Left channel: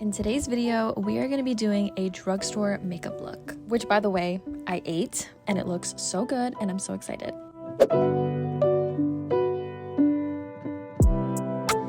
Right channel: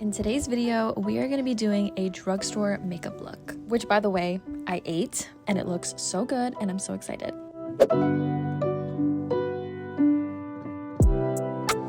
In today's video, we are going to be doing a drugstore makeup look, which by the way, I ate and it looks so good and I'm so excited.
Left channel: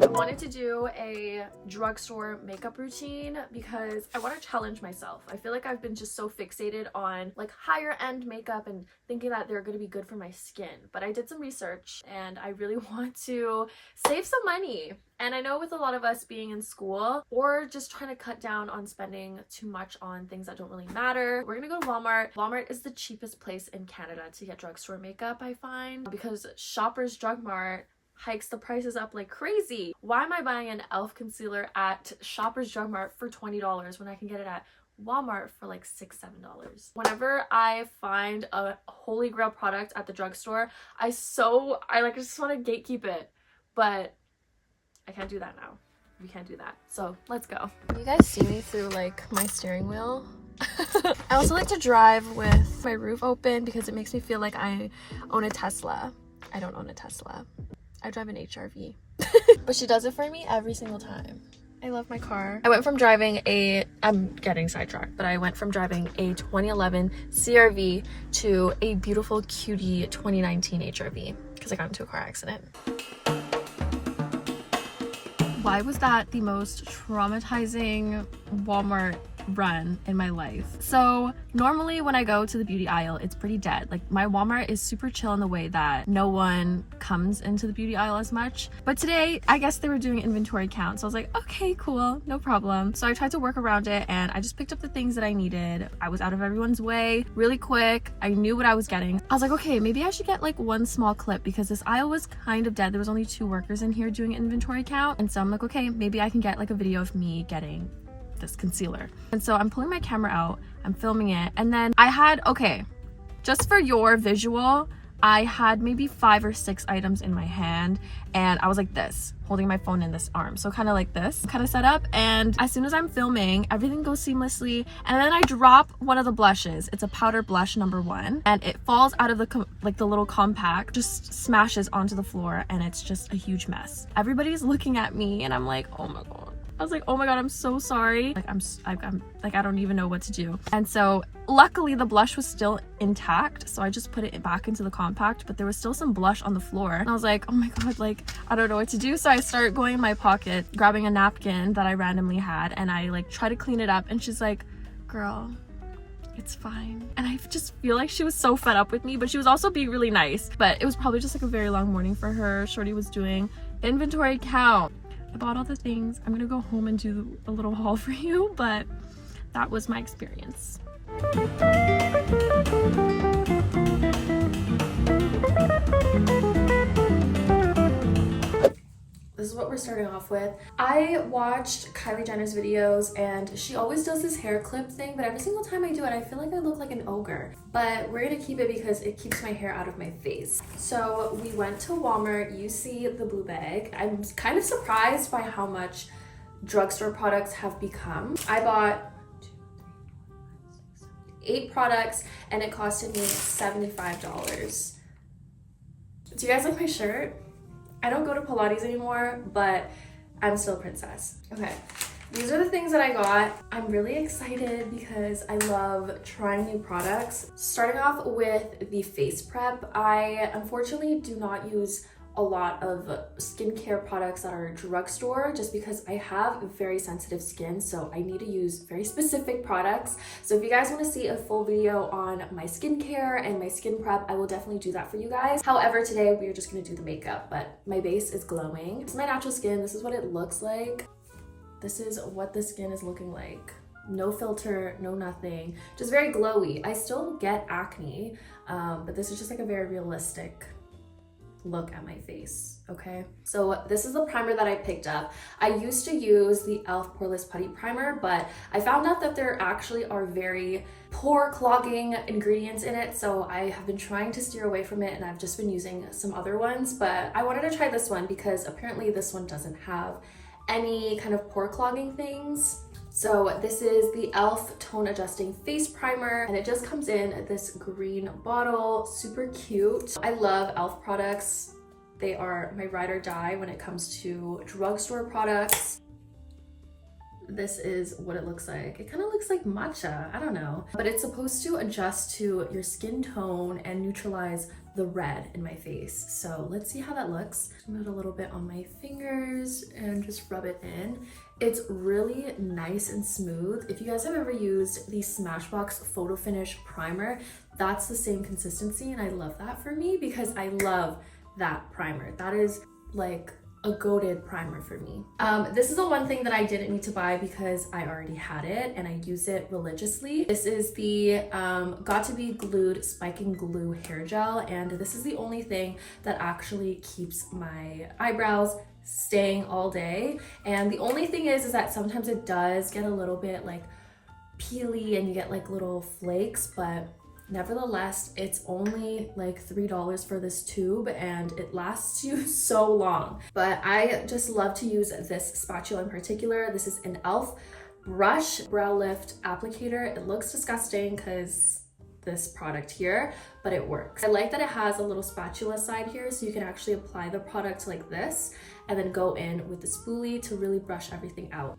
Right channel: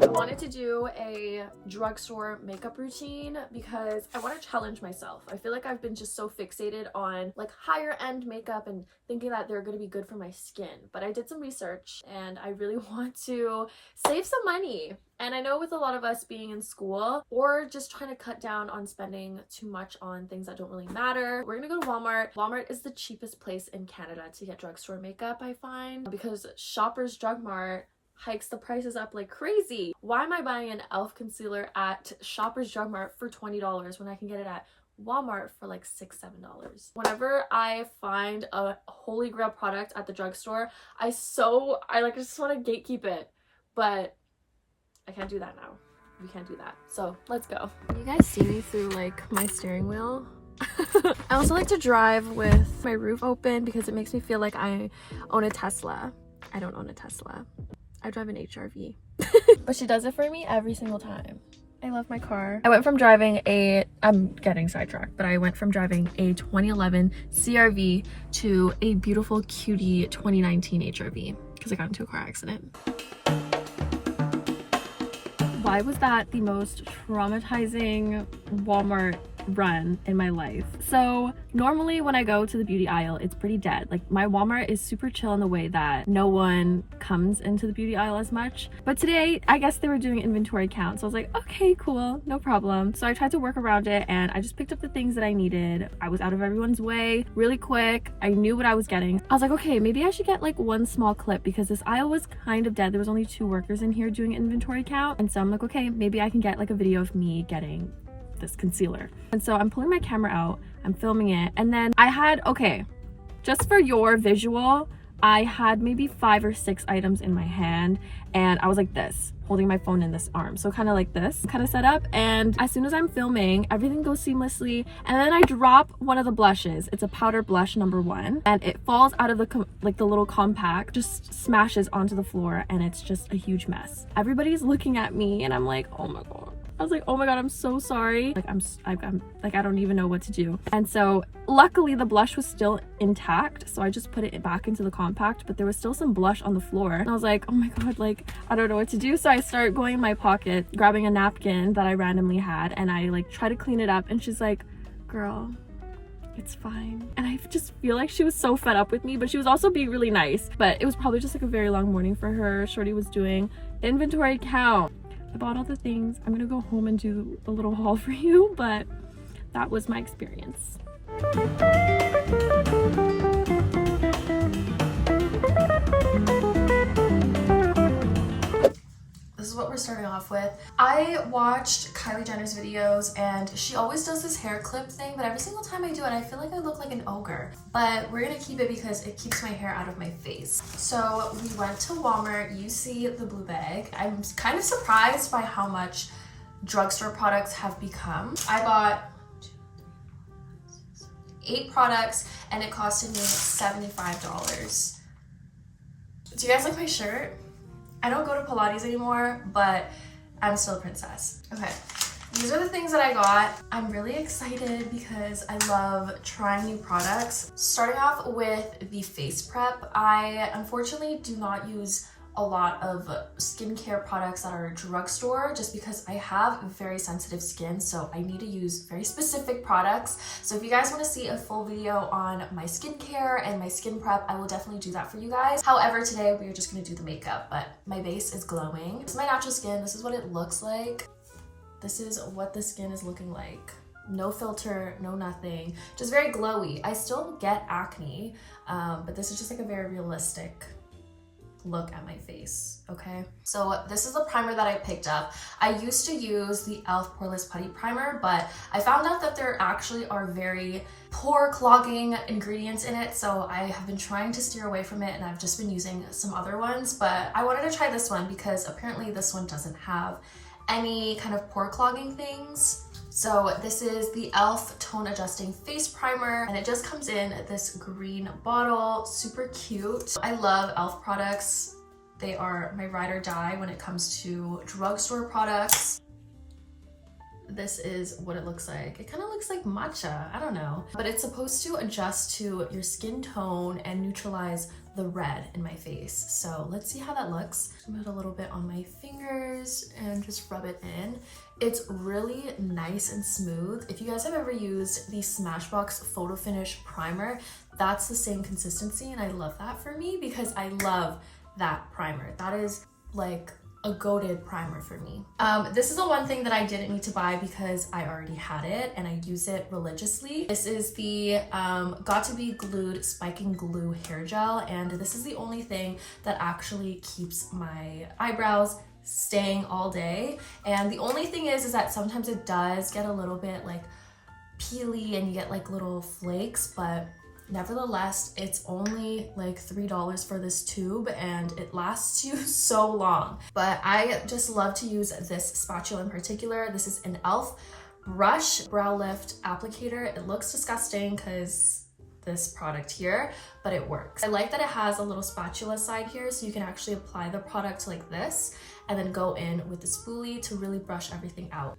I wanted to do a drugstore makeup routine because I want to challenge myself. I feel like I've been just so fixated on like higher end makeup and thinking that they're going to be good for my skin. But I did some research and I really want to save some money. And I know with a lot of us being in school or just trying to cut down on spending too much on things that don't really matter, we're gonna go to Walmart. Walmart is the cheapest place in Canada to get drugstore makeup, I find, because Shoppers Drug Mart hikes the prices up like crazy. Why am I buying an e.l.f. concealer at Shoppers Drug Mart for $20 when I can get it at Walmart for like $6, $7? Whenever I find a holy grail product at the drugstore, I just want to gatekeep it, but I can't do that now. We can't do that. So let's go. You guys see me through like my steering wheel? I also like to drive with my roof open because it makes me feel like I own a Tesla. I don't own a Tesla. I drive an HRV. But she does it for me every single time. I love my car. I went from driving I'm getting sidetracked, but I went from driving a 2011 CRV to a beautiful cutie 2019 HRV because I got into a car accident. Why was that the most traumatizing Walmart run in my life? So normally when I go to the beauty aisle, it's pretty dead. Like my Walmart is super chill in the way that no one comes into the beauty aisle as much. But today, I guess they were doing inventory count. So I was like, okay, cool, no problem. So I tried to work around it and I just picked up the things that I needed. I was out of everyone's way really quick. I knew what I was getting. I was like, okay, maybe I should get like one small clip because this aisle was kind of dead. There was only 2 workers in here doing inventory count. And so I'm like, okay, maybe I can get like a video of me getting this concealer. And so I'm pulling my camera out, I'm filming it, and then I had, okay, just for your visual, I had maybe 5 or 6 items in my hand and I was like this, holding my phone in this arm. So kind of like this kind of setup. And as soon as I'm filming, everything goes seamlessly. And then I drop one of the blushes. It's a powder blush number 1 and it falls out of the little compact, just smashes onto the floor and it's just a huge mess. Everybody's looking at me and I'm like, oh my God. I was like, oh my God, I'm so sorry. Like, I'm like, I don't even know what to do. And so luckily the blush was still intact. So I just put it back into the compact, but there was still some blush on the floor. And I was like, oh my God, like, I don't know what to do. So I started going in my pocket, grabbing a napkin that I randomly had. And I like try to clean it up. And she's like, girl, it's fine. And I just feel like she was so fed up with me, but she was also being really nice. But it was probably just like a very long morning for her. Shorty was doing inventory count. I bought all the things. I'm gonna go home and do a little haul for you, but that was my experience. This is what we're starting off with. I watched Kylie Jenner's videos and she always does this hair clip thing, but every single time I do it, I feel like I look like an ogre. But we're gonna keep it because it keeps my hair out of my face. So we went to Walmart. You see the blue bag. I'm kind of surprised by how much drugstore products have become. I bought 8 products and it costed me $75. Do you guys like my shirt? I don't go to Pilates anymore, but I'm still a princess. Okay, these are the things that I got. I'm really excited because I love trying new products. Starting off with the face prep, I unfortunately do not use a lot of skincare products that are drugstore just because I have very sensitive skin, so I need to use very specific products. So if you guys want to see a full video on my skincare and my skin prep, I will definitely do that for you guys. However, today we are just going to do the makeup, but my base is glowing. It's my natural skin. This is what it looks like. This is what the skin is looking like. No filter, no nothing, just very glowy. I still get acne, but this is just like a very realistic look at my face, okay? So this is the primer that I picked up. I used to use the e.l.f. Poreless Putty Primer, but I found out that there actually are very pore clogging ingredients in it, so I have been trying to steer away from it and I've just been using some other ones, but I wanted to try this one because apparently this one doesn't have any kind of pore clogging things. So this is the e.l.f. Tone Adjusting Face Primer, and it just comes in this green bottle, super cute. I love e.l.f. products. They are my ride or die when it comes to drugstore products. this is what it looks like. It kind of looks like matcha, I don't know. But it's supposed to adjust to your skin tone and neutralize the red in my face. So let's see how that looks. I'm gonna put a little bit on my fingers and just rub it in. It's really nice and smooth. If you guys have ever used the Smashbox Photo Finish Primer, that's the same consistency, and I love that for me because I love that primer. That is like a goated primer for me. This is the one thing that I didn't need to buy because I already had it and I use it religiously. This is the Got To Be Glued Spiking Glue Hair Gel, and this is the only thing that actually keeps my eyebrows staying all day. And the only thing is that sometimes it does get a little bit like peely and you get like little flakes, but nevertheless, it's only like $3 for this tube and it lasts you so long. But I just love to use this spatula in particular. This is an e.l.f. brush brow lift applicator. It looks disgusting because this product here, but it works. I like that it has a little spatula side here so you can actually apply the product like this and then go in with the spoolie to really brush everything out.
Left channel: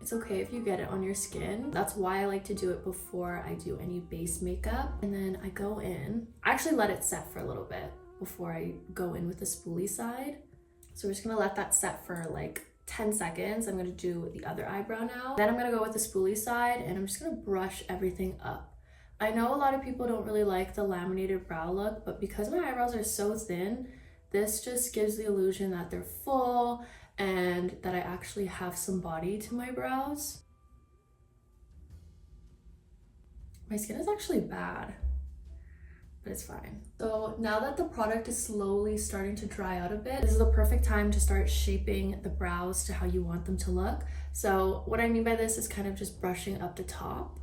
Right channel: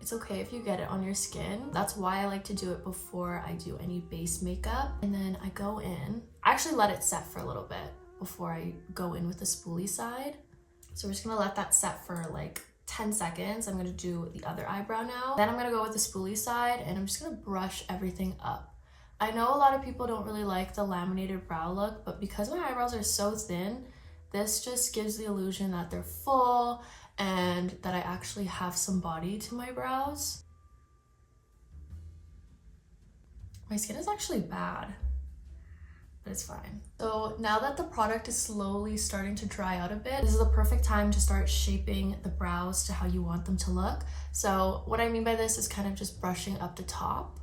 It's okay if you get it on your skin. That's why I like to do it before I do any base makeup. And then I go in. I actually let it set for a little bit before I go in with the spoolie side. So we're just gonna let that set for like 10 seconds. I'm gonna do the other eyebrow now. Then I'm gonna go with the spoolie side and I'm just gonna brush everything up. I know a lot of people don't really like the laminated brow look, but because my eyebrows are so thin, this just gives the illusion that they're full and that I actually have some body to my brows. My skin is actually bad, but it's fine. So now that the product is slowly starting to dry out a bit, this is the perfect time to start shaping the brows to how you want them to look. So what I mean by this is kind of just brushing up the top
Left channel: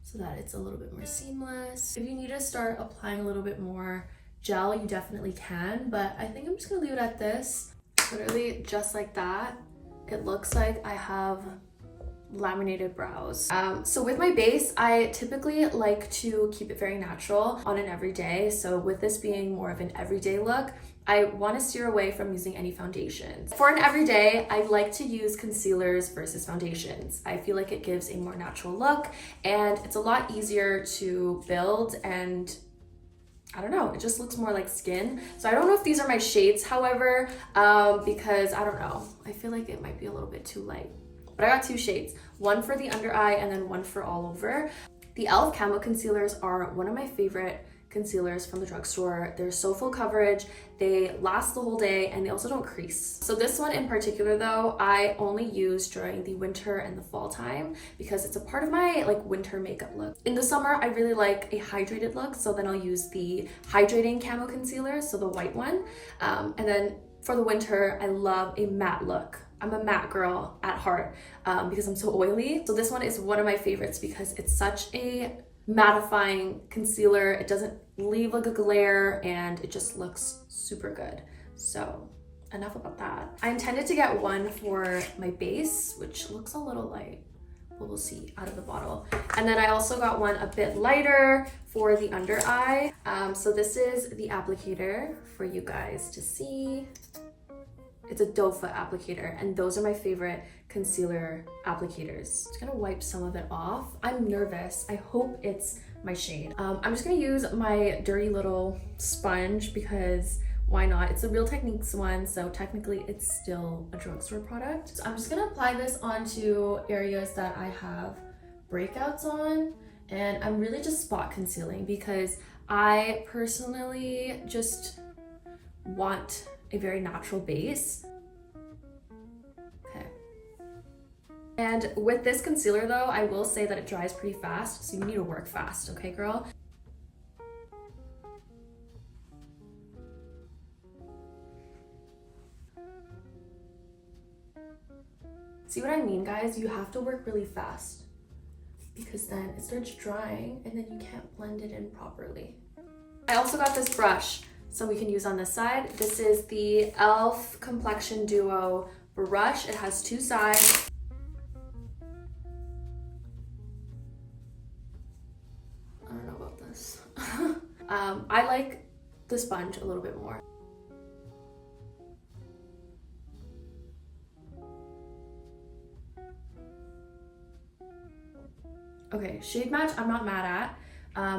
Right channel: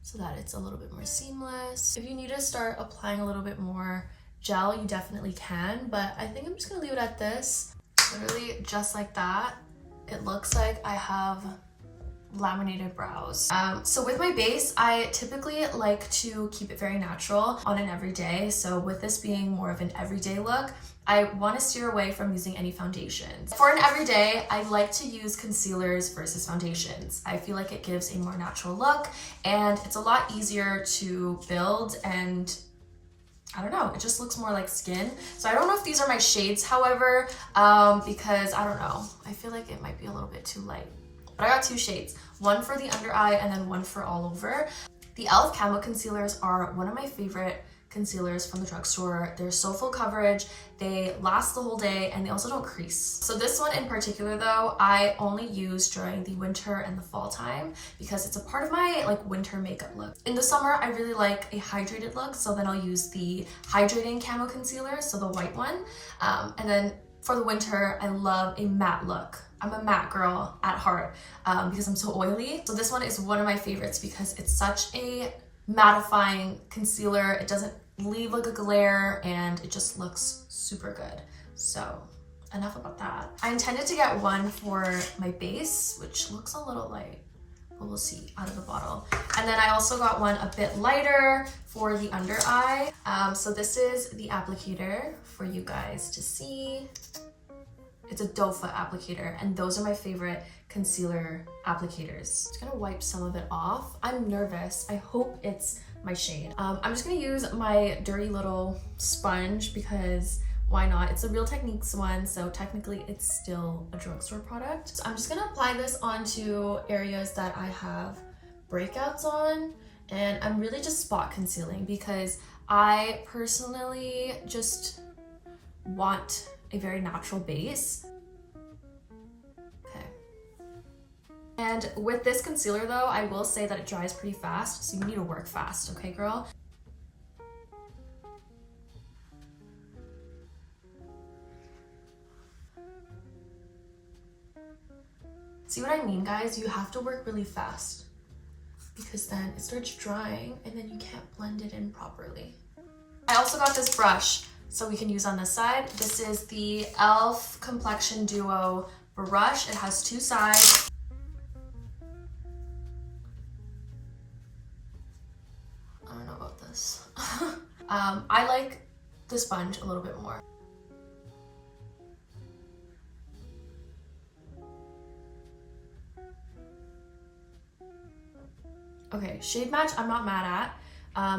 so that it's a little bit more seamless. If you need to start applying a little bit more gel, you definitely can, but I think I'm just gonna leave it at this. Literally just like that. It looks like I have laminated brows. So with my base, I typically like to keep it very natural on an everyday. So with this being more of an everyday look, I want to steer away from using any foundations. For an everyday, I like to use concealers versus foundations. I feel like it gives a more natural look and it's a lot easier to build, and I don't know, it just looks more like skin. So I don't know if these are my shades, however, because I don't know, I feel like it might be a little bit too light. But I got two shades, one for the under eye and then one for all over. The e.l.f. Camo Concealers are one of my favorite concealers from the drugstore. They're so full coverage, they last the whole day, and they also don't crease. So this one in particular though, I only use during the winter and the fall time because it's a part of my like winter makeup look. In the summer, I really like a hydrated look, so then I'll use the hydrating camo concealer, so the white one. And then for the winter, I love a matte look. I'm a matte girl at heart because I'm so oily. So this one is one of my favorites because it's such a mattifying concealer. It doesn't leave like a glare and it just looks super good. So enough about that. I intended to get one for my base, which looks a little light, but we'll see out of the bottle. And then I also got one a bit lighter for the under eye. So this is the applicator for you guys to see. It's a doe foot applicator, and those are my favorite concealer applicators. Just gonna wipe some of it off. I'm nervous. I hope it's my shade. I'm just gonna use my dirty little sponge because why not? It's a Real Techniques one, so technically it's still a drugstore product. So I'm just gonna apply this onto areas that I have breakouts on, and I'm really just spot concealing because I personally just want a very natural base. Okay. And with this concealer though, I will say that it dries pretty fast, so you need to work fast, okay girl? See what I mean, guys? You have to work really fast because then it starts drying and then you can't blend it in properly. I also got this brush so we can use on this side. This is the e.l.f. Complexion Duo brush. It has two sides. I don't know about this. I like the sponge a little bit more. Okay, shade match I'm not mad at.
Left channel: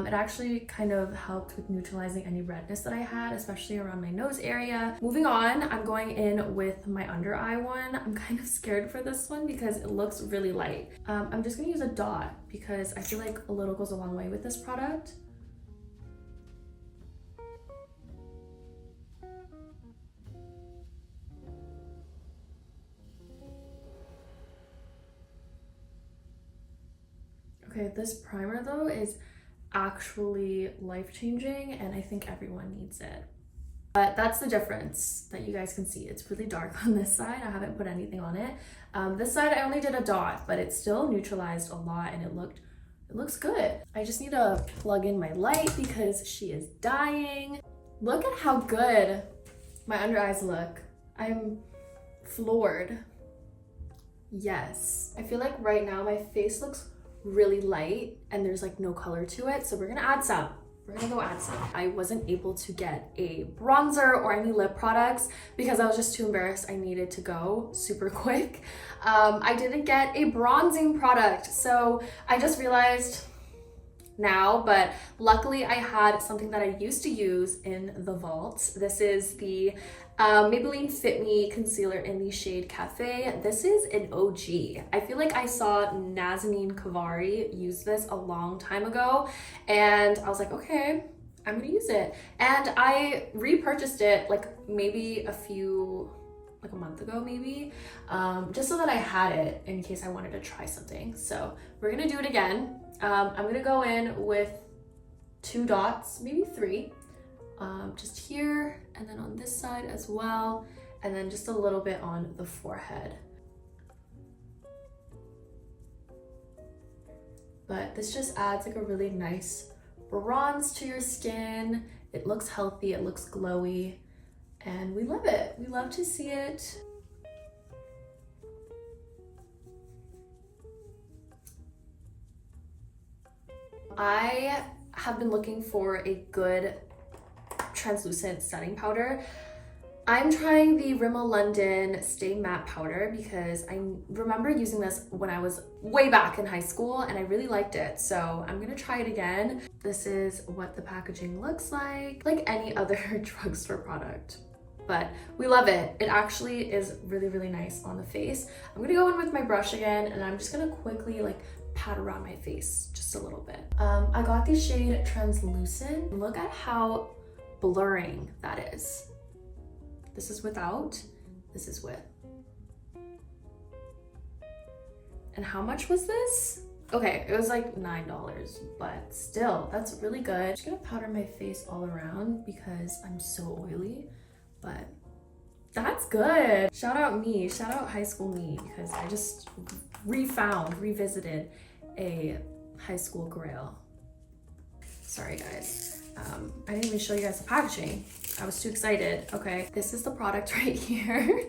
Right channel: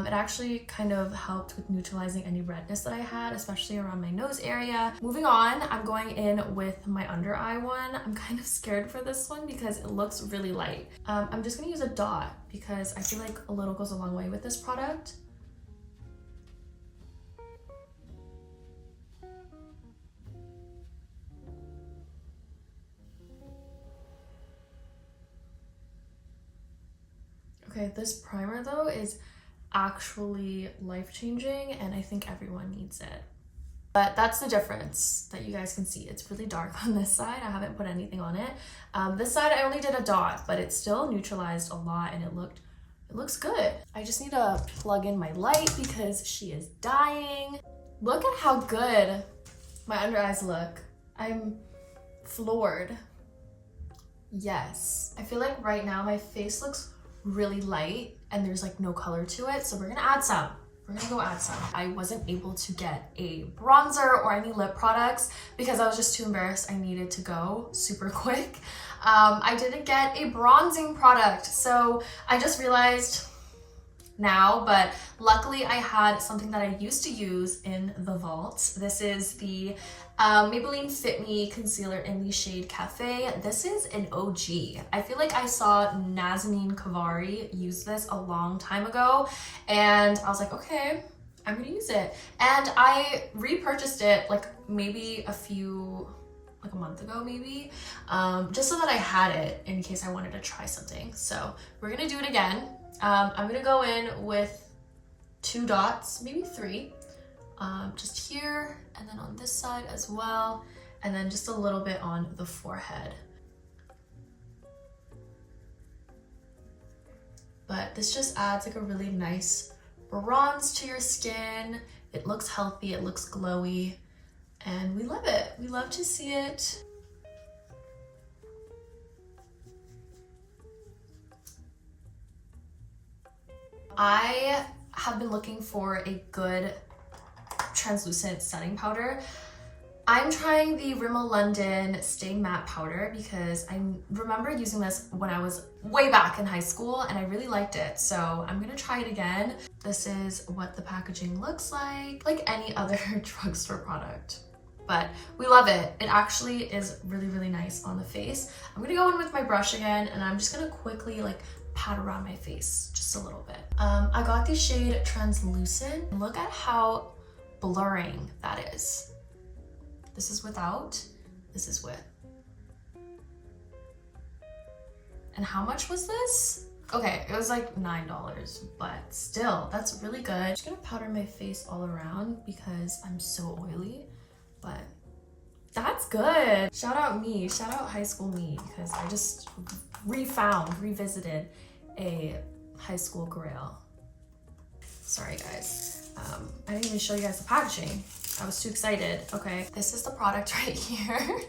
It actually kind of helped with neutralizing any redness that I had, especially around my nose area. Moving on, I'm going in with my under eye one. I'm kind of scared for this one because it looks really light. I'm just gonna use a dot because I feel like a little goes a long way with this product. Okay, this primer though is actually life-changing and I think everyone needs it. But that's the difference that you guys can see. It's really dark on this side. I haven't put anything on it. This side I only did a dot, but it still neutralized a lot and it looks good. I just need to plug in my light because she is dying. Look at how good my under eyes look. I'm floored. Yes. I feel like right now my face looks really light and there's like no color to it, so we're gonna add some. We're gonna go add some. I wasn't able to get a bronzer or any lip products because I was just too embarrassed. I needed to go super quick. I didn't get a bronzing product, so I just realized now, but luckily I had something that I used to use in the vault. This is the Maybelline Fit Me concealer in the shade Cafe. This is an OG. I feel like I saw Nazanin Kavari use this a long time ago and I was like, okay, I'm gonna use it. And I repurchased it like maybe like a month ago maybe, just so that I had it in case I wanted to try something. So we're gonna do it again. I'm gonna go in with 2 dots, maybe 3, just here and then on this side as well, and then just a little bit on the forehead. But this just adds like a really nice bronze to your skin. It looks healthy, it looks glowy, and we love it. We love to see it. I have been looking for a good translucent setting powder. I'm trying the Rimmel London Stay Matte Powder because I remember using this when I was way back in high school and I really liked it. So I'm gonna try it again. This is what the packaging looks like any other drugstore product. But we love it. It actually is really, really nice on the face. I'm gonna go in with my brush again and I'm just gonna quickly like pat around my face just a little bit. I got the shade Translucent. Look at how blurring that is. This is without, this is with. And how much was this? Okay, it was like $9, but still, that's really good. I'm just gonna powder my face all around because I'm so oily, but that's good. Shout out me, shout out high school me, because I just revisited a high school grail. Sorry guys, I didn't even show you guys the packaging. I was too excited. Okay, this is the product right here.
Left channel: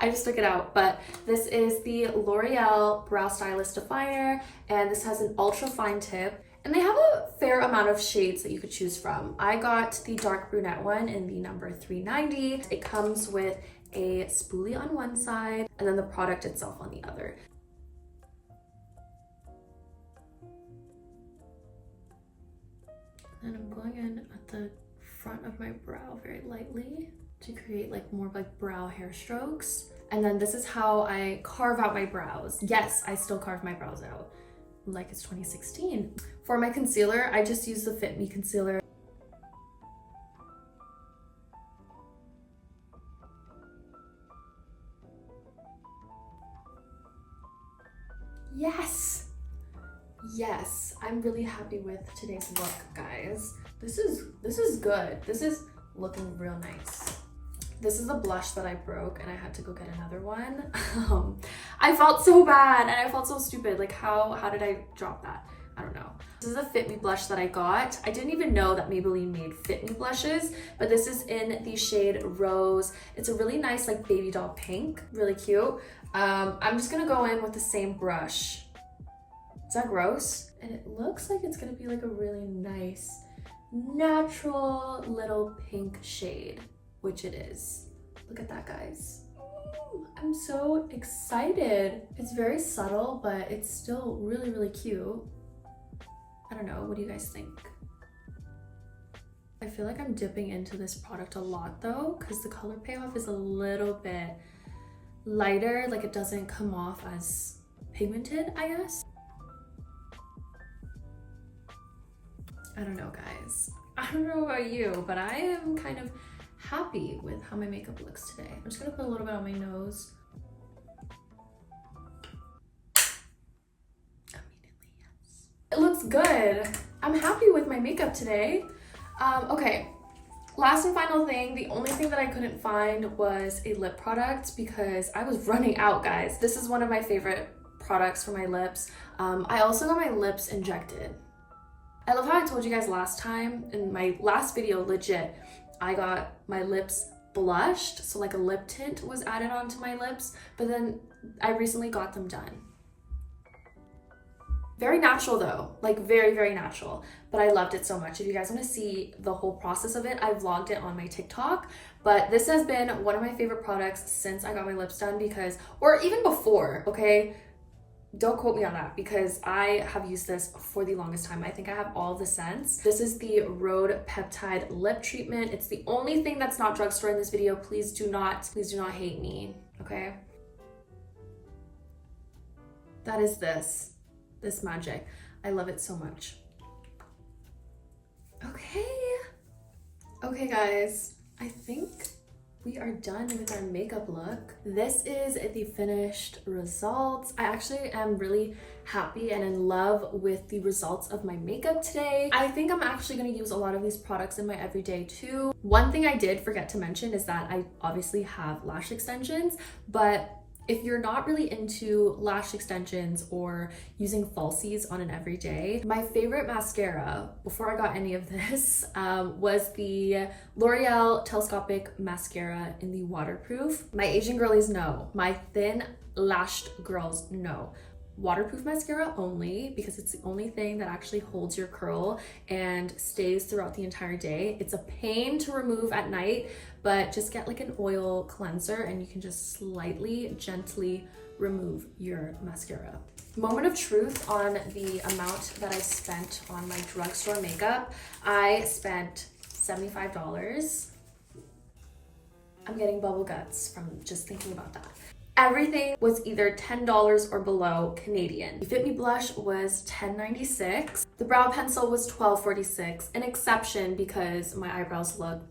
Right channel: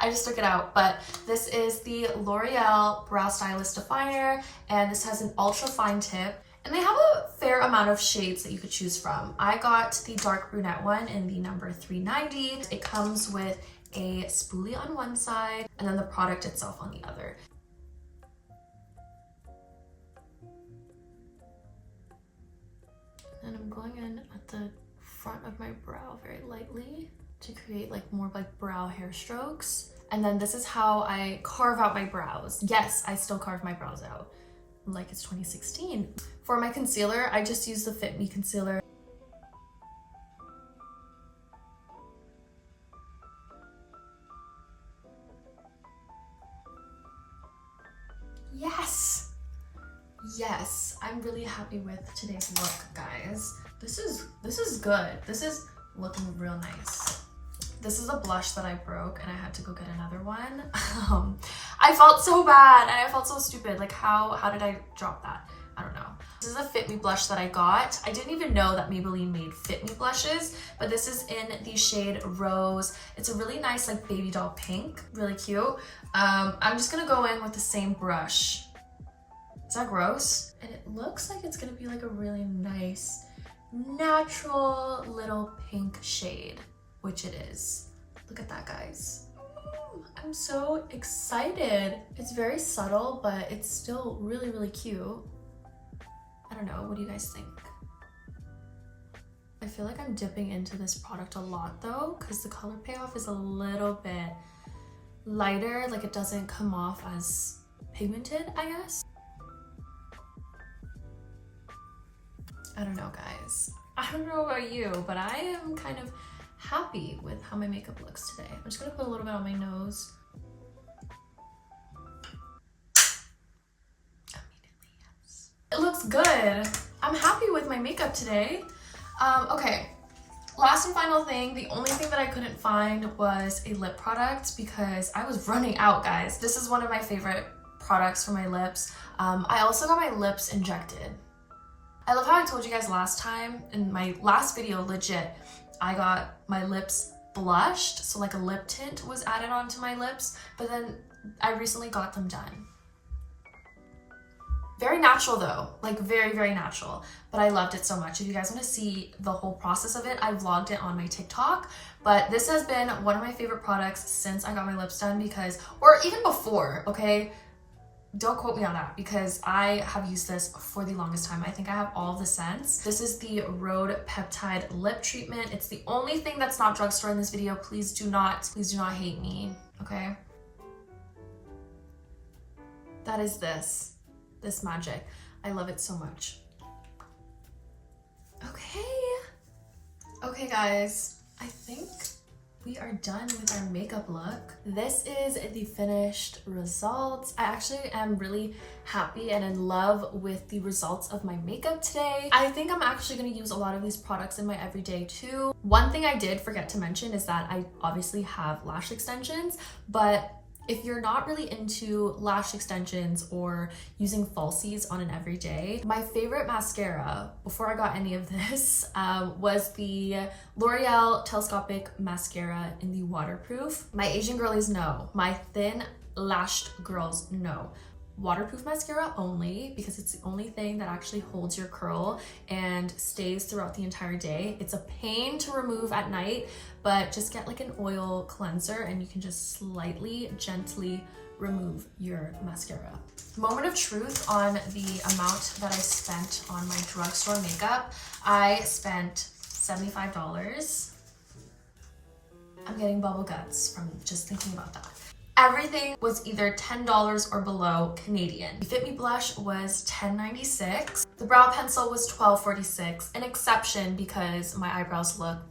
I just took it out, but this is the L'Oreal Brow Stylist Definer, and this has an ultra fine tip, and they have a fair amount of shades that you could choose from. I got the dark brunette one in the number 390. It comes with a spoolie on one side, and then the product itself on the other. And I'm going in at the front of my brow very lightly to create like more like brow hair strokes. And then this is how I carve out my brows. Yes, I still carve my brows out like it's 2016. For my concealer, I just use the Fit Me concealer. Yes! Yes, I'm really happy with today's look, guys. This is good. This is looking real nice. This is a blush that I broke and I had to go get another one. I felt so bad and I felt so stupid. Like how did I drop that? I don't know. This is a Fit Me blush that I got. I didn't even know that Maybelline made Fit Me blushes, but this is in the shade Rose. It's a really nice like baby doll pink, really cute. I'm just gonna go in with the same brush. Is that gross? And it looks like it's gonna be like a really nice, natural little pink shade, which it is. Look at that, guys. I'm so excited. It's very subtle, but it's still really, really cute. I don't know, what do you guys think? I feel like I'm dipping into this product a lot though, because the color payoff is a little bit lighter, like it doesn't come off as pigmented, I guess. I don't know, guys. I don't know about you, but I am kind of happy with how my makeup looks today. I'm just gonna put a little bit on my nose. Immediately, yes. It looks good. I'm happy with my makeup today. Okay, last and final thing, the only thing that I couldn't find was a lip product because I was running out, guys. This is one of my favorite products for my lips. I also got my lips injected. I love how I told you guys last time in my last video, legit, I got my lips blushed, so like a lip tint was added onto my lips, but then I recently got them done. Very natural though, like very, very natural, but I loved it so much. If you guys want to see the whole process of it, I vlogged it on my TikTok, but this has been one of my favorite products since I got my lips done because, or even before, okay? Don't quote me on that because I have used this for the longest time. I think I have all the scents. This is the Rhode Peptide Lip Treatment. It's the only thing that's not drugstore in this video. Please do not hate me, okay? That is this magic. I love it so much. Okay guys, I think we are done with our makeup look. This is the finished results. I actually am really happy and in love with the results of my makeup today. I think I'm actually gonna use a lot of these products in my everyday too. One thing I did forget to mention is that I obviously have lash extensions, but if you're not really into lash extensions or using falsies on an everyday, my favorite mascara before I got any of this was the L'Oreal Telescopic Mascara in the waterproof. My Asian girlies know, my thin lashed girls know. Waterproof mascara only because it's the only thing that actually holds your curl and stays throughout the entire day. It's a pain to remove at night, but just get like an oil cleanser and you can just slightly, gently remove your mascara. Moment of truth on the amount that I spent on my drugstore makeup. I spent $75. I'm getting bubble guts from just thinking about that. Everything was either $10 or below Canadian. The Fit Me blush was $10.96. The brow pencil was $12.46, an exception because my eyebrows look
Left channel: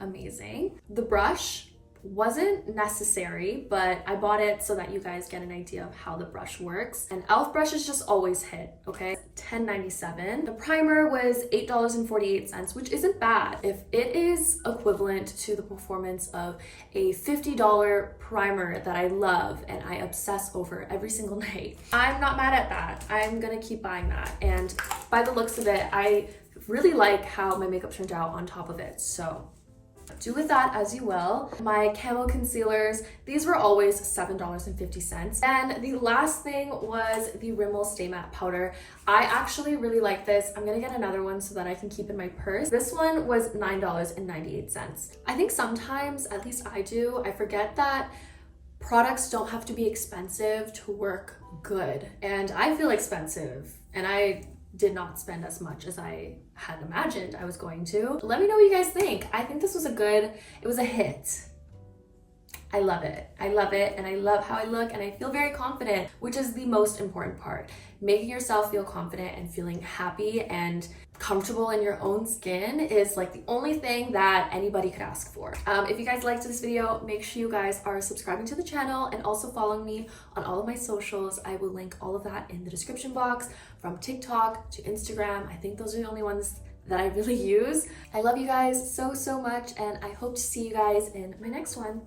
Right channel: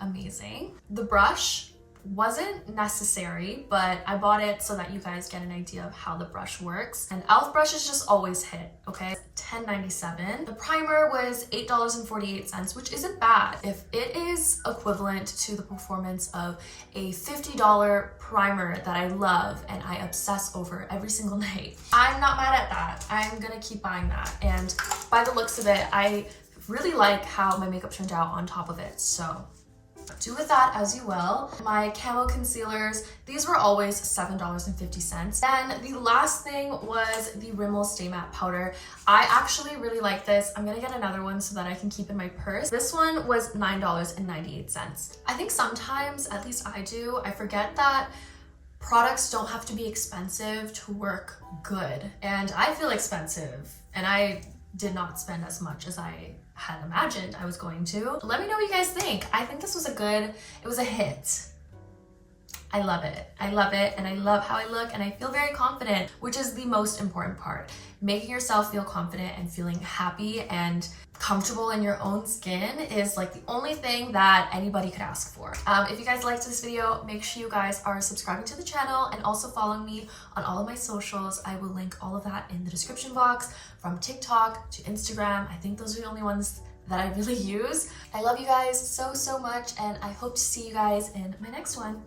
amazing. The brush wasn't necessary, but I bought it so that you guys get an idea of how the brush works. And e.l.f. brushes just always hit, okay? $10.97. The primer was $8.48, which isn't bad. If it is equivalent to the performance of a $50 primer that I love and I obsess over every single night, I'm not mad at that. I'm gonna keep buying that. And by the looks of it, I really like how my makeup turned out on top of it, so do with that as you will. My camo concealers, these were always $7.50. And the last thing was the Rimmel Stay Matte Powder. I actually really like this. I'm gonna get another one so that I can keep in my purse. This one was $9.98. I think sometimes, at least I do, I forget that products don't have to be expensive to work good. And I feel expensive, and I did not spend as much as I had imagined I was going to. Let me know what you guys think. I think this was it was a hit. I love it, and I love how I look, and I feel very confident, which is the most important part. Making yourself feel confident and feeling happy and comfortable in your own skin is like the only thing that anybody could ask for. If you guys liked this video, make sure you guys are subscribing to the channel and also following me on all of my socials. I will link all of that in the description box, from TikTok to Instagram. I think those are the only ones that I really use. I love you guys so, so much, and I hope to see you guys in my next one.